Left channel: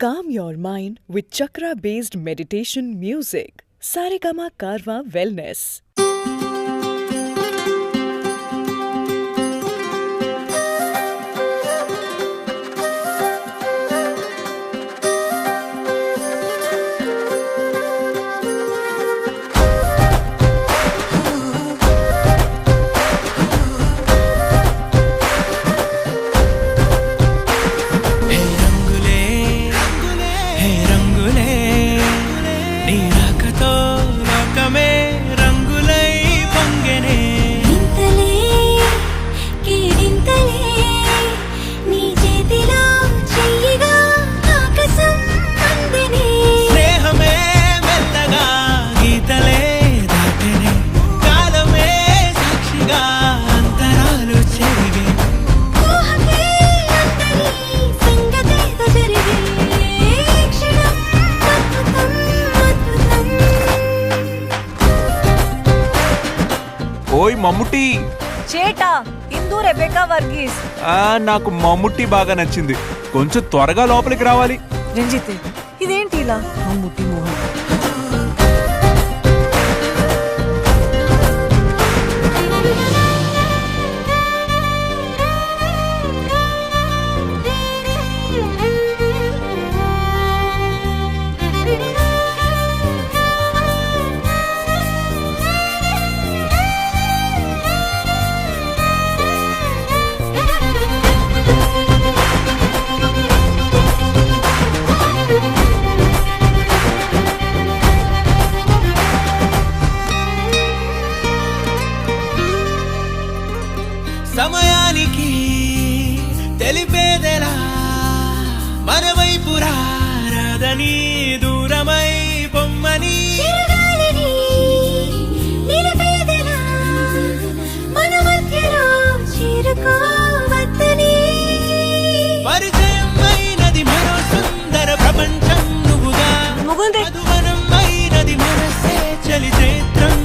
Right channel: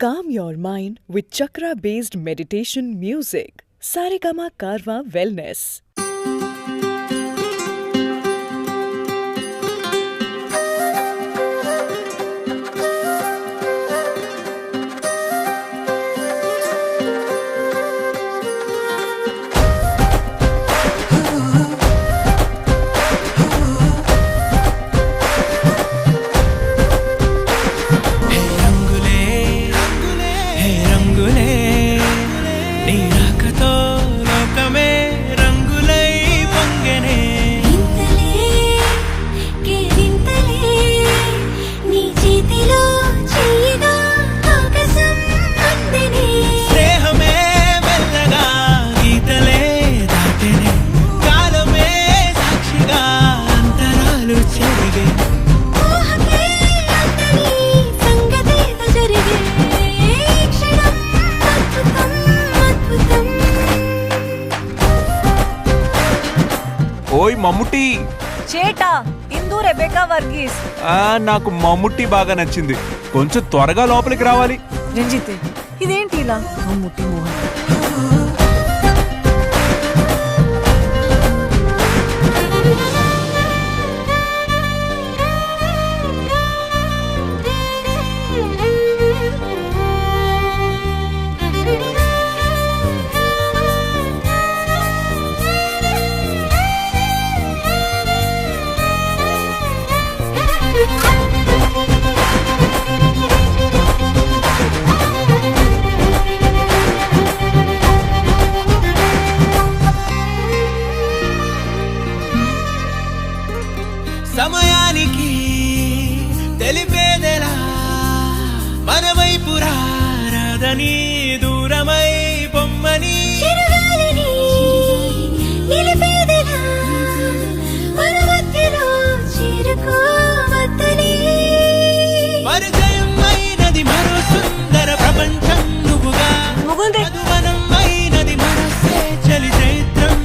Calm your mind with chakra-based meditation music. Saregama Karwa Wellness. ఓయ్ మమ్ముట్టి చేటా ఇందు Rebecca Verghese. నాకు మమ్ముట్టి బాగా నచ్చింది. కొంచెం త్వరగా లోపలికి రావాలి. రంజిత్ ఇదేంటి ఇలా? మమ్ముట్టి మోహన్ సమయానికి తెలిపేదెలా మన వైపు రాదని దూరమై పొమ్మని పరిచయం అయినది మరో సుందర ప్రపంచం నువ్వుగా మధువనం అయినది మనసే చలి చైత్రం